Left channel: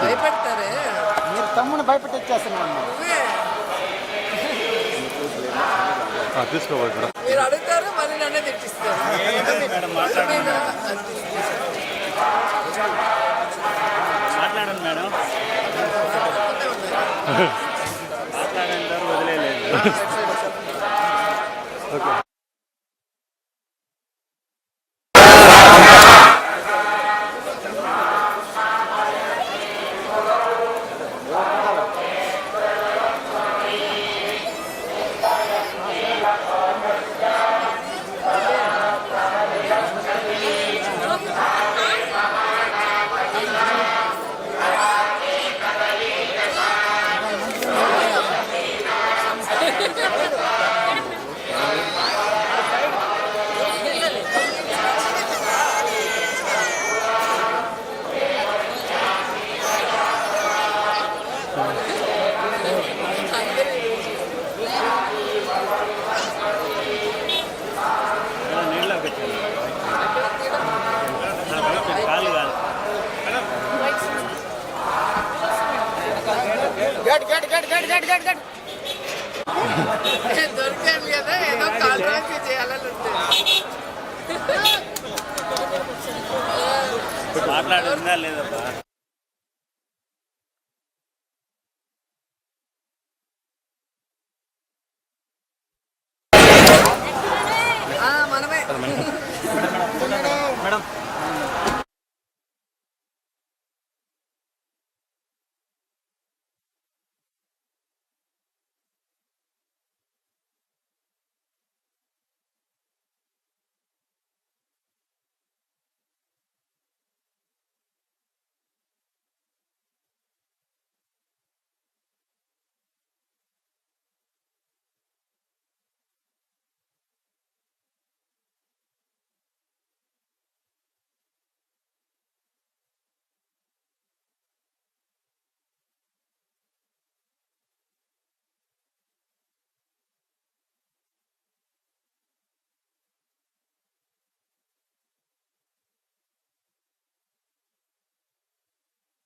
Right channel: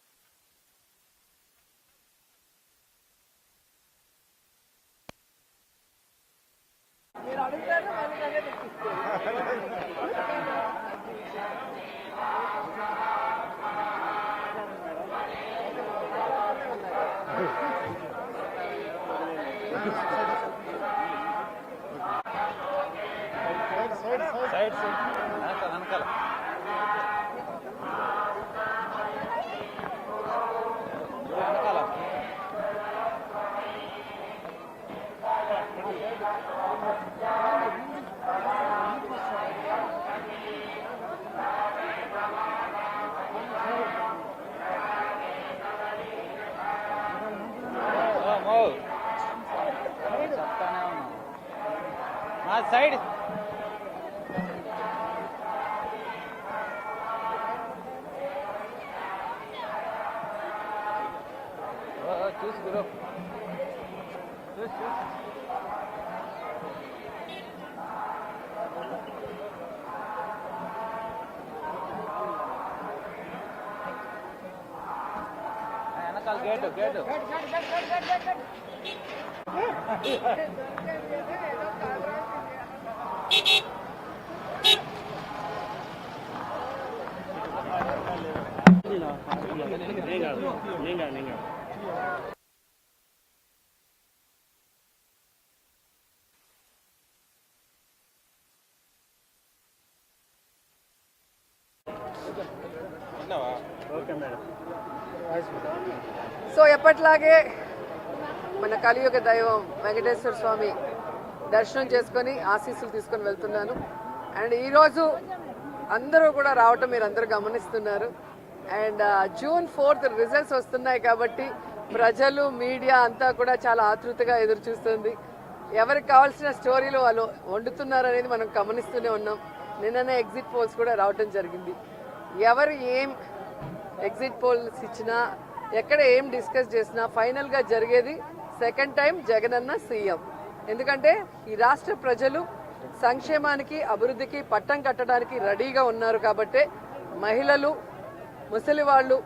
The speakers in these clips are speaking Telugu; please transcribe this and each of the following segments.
భయపెడతారే మీరు తమ్ముని భయపెట్టిచ్చేస్తున్నాను. మీరు అడుగుతారు మరి నన్నే తెచ్చిస్తారు. మాట్లాడండి మేడం, మాట్లాడంటారు వదిలేదు. దొరికాను కదా ఏదో కాంట్రాక్ట్ చేయాలని ఉంటుంది. మాట్లాడుతుందా లేదా మనమే మేడం. Okay madam. సో ఎప్పట్లాగే మన కలియుగ దైవం వెంకటేశ్వర స్వామి దర్శనం చేసుకొని ఆశీస్సులు తీసుకొని వెళ్తున్నాను. అండ్ ఈరోజు అందరూ కూడా రావటం మీరు అందరూ గమనిస్తున్నారు. అండ్ June 4th రిజల్ట్స్ వస్తున్నాయి కాబట్టి ప్రజలు మీడియా అంతా కూడా చాలా ఆతృతగా ఎదురు చూస్తుంది. ఎవరికి కావాల్సిన స్టోరీలు వాళ్ళు వండుతున్నారు అనేది మనం గమనిస్తూనే ఉన్నాం. నిన్ననే ఎగ్జిట్ పోల్స్ కూడా రావటం జరిగింది. ఎవరు ఏం ఎగ్జిట్ పోల్స్ ఇచ్చినా ఎక్కడ ఏం డిస్కస్ చేసినా ఫైనల్గా జరిగేది సెకండ్ టైం జగనన్న సీఎం. ఎందుకంటే ఈ రాష్ట్ర ప్రజలు సంక్షేమానికి అభివృద్ధికి పట్టం కట్టడానికి రెడీగా ఉన్నారు కాబట్టి మహిళలు ముసలి వాళ్ళు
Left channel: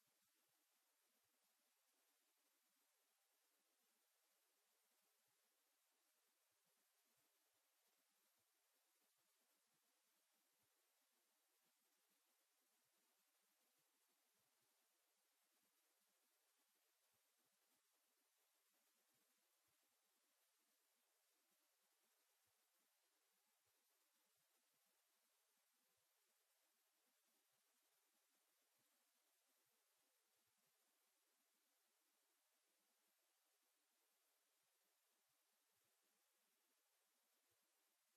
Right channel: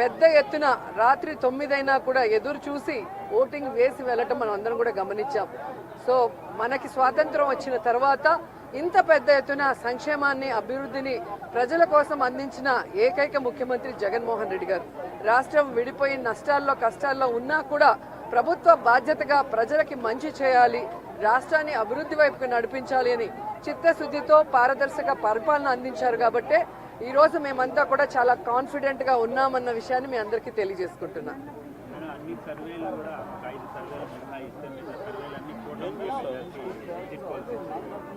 పెద్ద ఎత్తున రాత్రి 9 అయినా కూడా ఎదురు చూసి ఓటింగ్ వేసి వెళ్ళటం మనం అందరం కూడా గమనించాం. సో మనకి స్వాతంత్రం వచ్చిన తర్వాత ఇంత పెద్ద ఎత్తున సంక్షేమాన్ని అభివృద్ధిని ప్రజల కోసం అందించిన ఏకైక ముఖ్యమంత్రి జగన్మోహన్ రెడ్డి గారు. రాష్ట్రం విడిపోయి నష్టాల్లో కష్టాల్లో ఉన్నా కూడా ప్రభుత్వ బాధ్యతగా ప్రజలకి మంచి చేయాలి, రాష్ట్రాన్ని అభివృద్ధి వైపుకు నడిపించాలి అని చిత్తశుద్ధితో పారదర్శక పరిపాలన అందించారు కాబట్టి ఈరోజు మేమంతా కూడా చాలా కాన్ఫిడెంట్గా ఉన్నామన్న విషయాన్ని మీ అందరికీ తెలియజేసుకుంటున్నాం.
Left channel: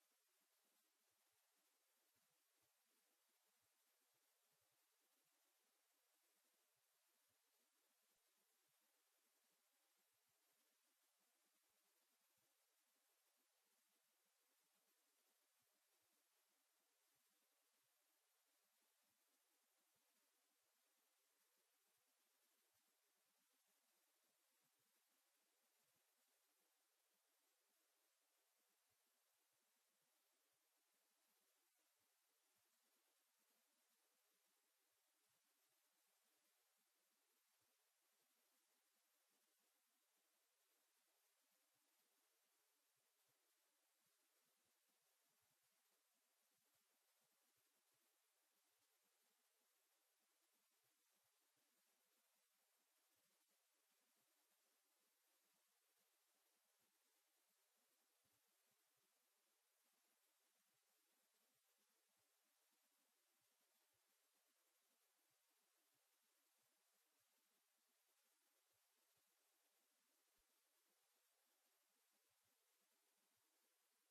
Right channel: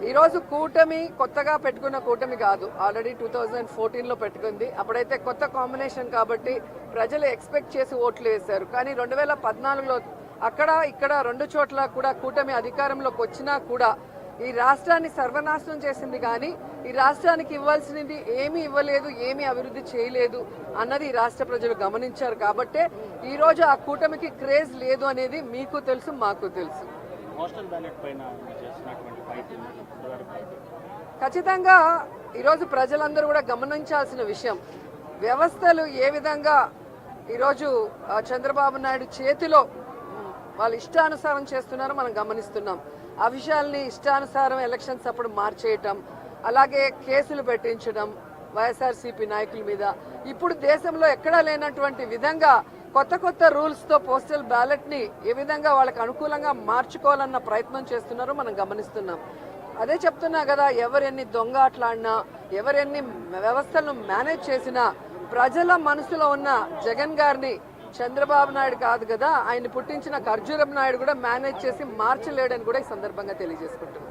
ఈరోజు కూటమి కొత్తగా పెట్టుకున్న కూటమి కాదు, ఆల్రెడీ 2014లో పెట్టుకుంది. అప్పుడైతే కొత్త కాంబినేషన్ కాబట్టి ప్రజలు ఎక్స్పెక్ట్ చేసి ఓట్లు వేశారు. కానీ 2014లో అక్కడ ఇక్కడ 2 చోట్ల కూడా కూటమి అధికారంలోకి వచ్చినా కూడా ఈ రాష్ట్రాన్ని సర్వనాశనం చేసింది. కానీ ఈ రాష్ట్రానికి ఇవ్వాల్సినది ఏమీ ఇవ్వలేదు, ఏమీ అభివృద్ధి చేయలేదు అన్నది ఈ రాష్ట్ర ప్రజలు గమనించారు. కాబట్టే ఈరోజు ఆ కూటమికి క్రేజ్ లేదు అనేది మీకు తెలుసు, మాకు తెలుసు. ఖచ్చితంగా ఈరోజు ప్రజలందరూ కూడా గమనించాల్సిన విషయం, వ్యవస్థలు ఏ విధంగా ఈరోజు చంద్రబాబు నాయుడు చేతిలో వాళ్ళు ఇష్టానుసారం చేస్తున్నారో మనం గమనిస్తున్నాం. ఆ విషయాల్ని ఇష్టానుసారం ఎలక్షన్స్ అప్పుడు మార్చేయటం, అలాగే కేసులు పెట్టించడం వైఎస్ఆర్సీపీ నాయకుల మీద. ఇప్పుడు దేశంలో ఎక్కడా లేనటువంటి విధంగా కొత్త కొత్త రూల్స్తో పోస్టల్ బ్యాలెట్ని ఏ విధంగా వాళ్ళకి అనుకూలంగా మార్చుకోవాలన్న ప్రయత్నం చేస్తున్నారో మనం గమనిస్తున్నాం. అదే చెప్తున్నా కదా, ఎవరెన్ని దొంగ ఆటలాడినా ఎవరెన్ని వ్యవస్థలను మేనేజ్ చేసినా ప్రజల మనసులో ఉన్న జగన్ గారిని చంద్రబాబు నాయుడు కాదు కదా, ఆయన పుట్టించిన ఖర్జూరపు నాయుడు కూడా మేనేజ్ చేసి మార్చలేడని కూడా ఈ సందర్భంగా తెలియజేసుకుంటున్నాం.